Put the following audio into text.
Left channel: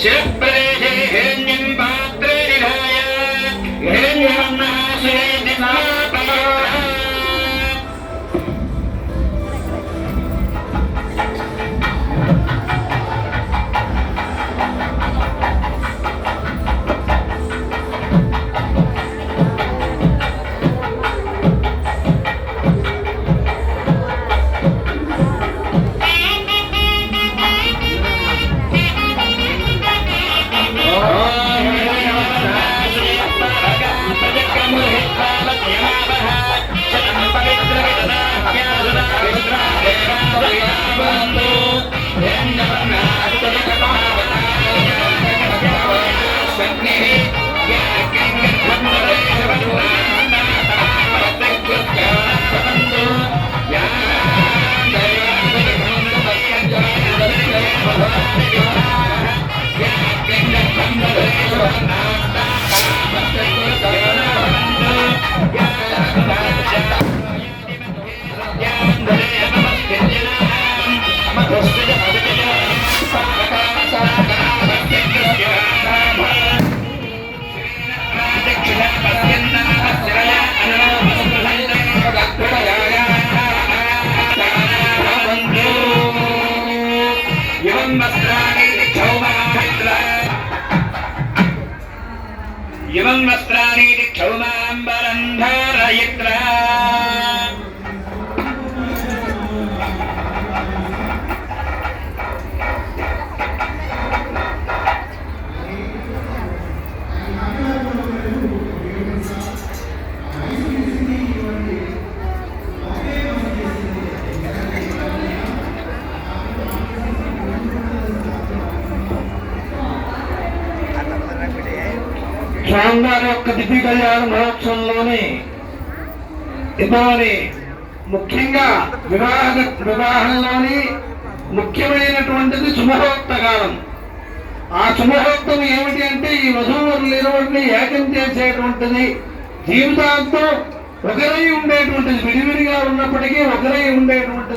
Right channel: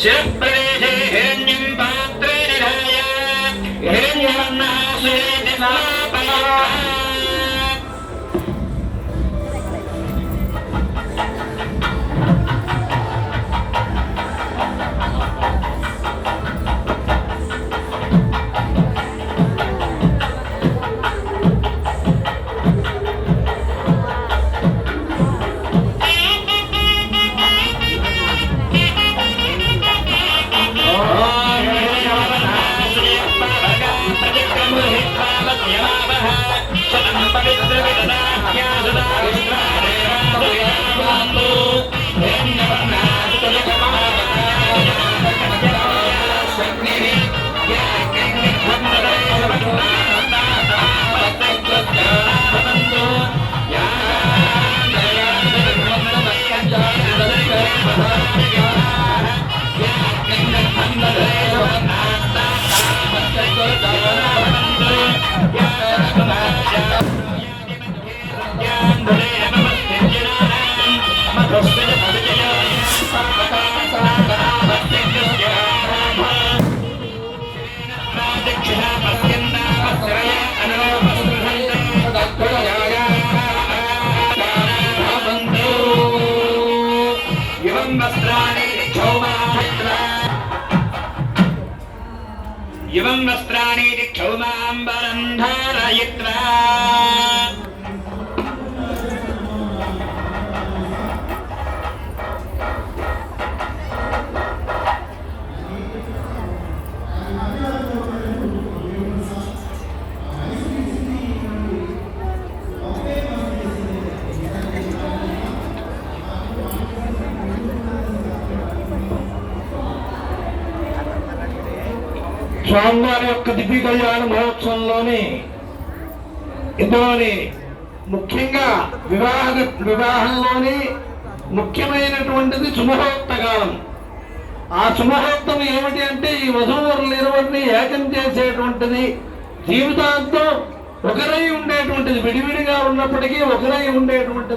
शिरप्रदेशे हिरण्यं पात्रे निधाय हिरण्यवर्णः इमं वस्त्राणि क्षौमाम्बरं धारयित्वा స్వామివారి యొక్క దివ్య కళ్యాణ మహోత్సవంలోని ఇంతవని ముఖ్యంగా వివాహంలోని ముఖ్యమైనటువంటిది శుభహోక్త కాలం. ఆ శుభహోక్తం ఏమిటి అంటే ఈ వధూవరులు ఇరువురిని ఏకం చేసేటువంటిది, జీవితాంతో ఒకరై ఉండేటువంటిది, విడివిడిగా ఉన్నప్పటికీ ఒకరై ఉండేటువంటిది.